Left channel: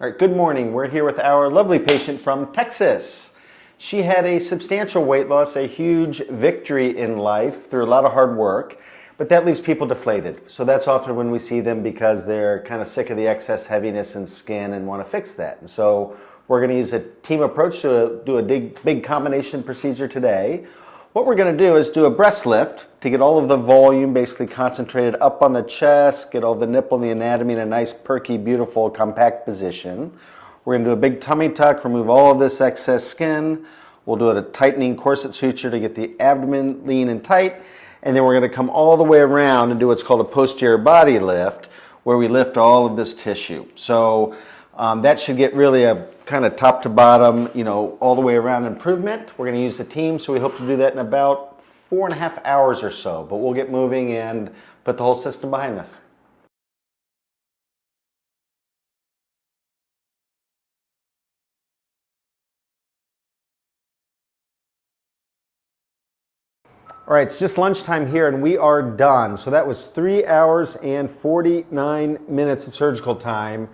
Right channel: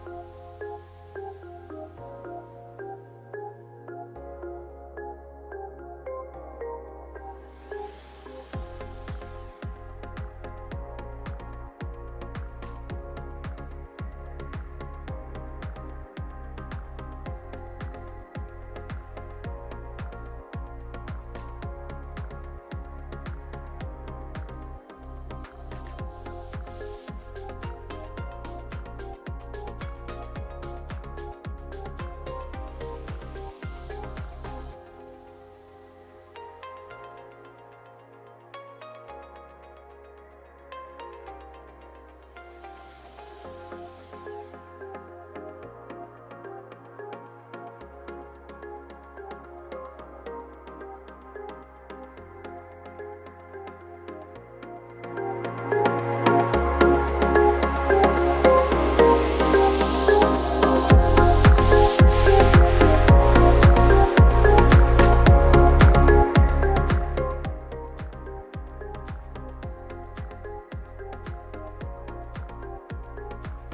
All right, good morning. We're here with our lovely patient from Texas. She had a substantial weight loss, a huge victory in life through a lot of hard work, but that leaves people deflated. So that's often when we see them because they're kind of sick of the excess heaviness in skin and want to fix that. So we're going to use a team approach to do a big combination procedure today. What we're going to do is do a breast lift to get all of the volume basically concentrated up on the chest, get all the nipple and the anatomy in a nice, perky, beautiful, compact position. We're going to do a big tummy tuck, remove all of this excess skin. We'll do a tightening corset suture to get the abdomen lean and tight. And then we're going to come all the way around and do what's called a posterior body lift, where we lift all of this tissue. So that should get really a kind of top to bottom, all the way around improvement. We're going to use the team, so we hope to do that in about 4.5 hours or so. But we'll get moving and put the whole system behind this. All right, it's just lunchtime here and we are done. So that was 3 hours and 49 minutes of surgical time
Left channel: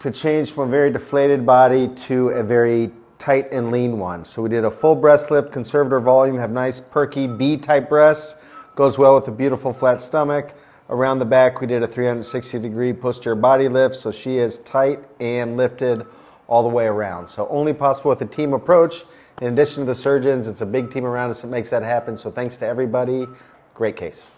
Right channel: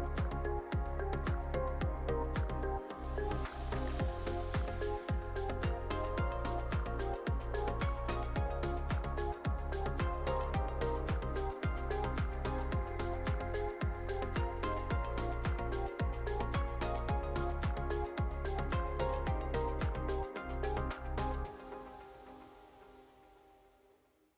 to change from a very deflated body to a very tight and lean one. So we did a full breast lift, conserved our volume, have nice perky B-type breasts, goes well with a beautiful flat stomach. Around the back we did a 360-degree posterior body lift, so she is tight and lifted all the way around. So only possible with a team approach. In addition to the surgeons, it's a big team around us that makes that happen. So thanks to everybody. Great case.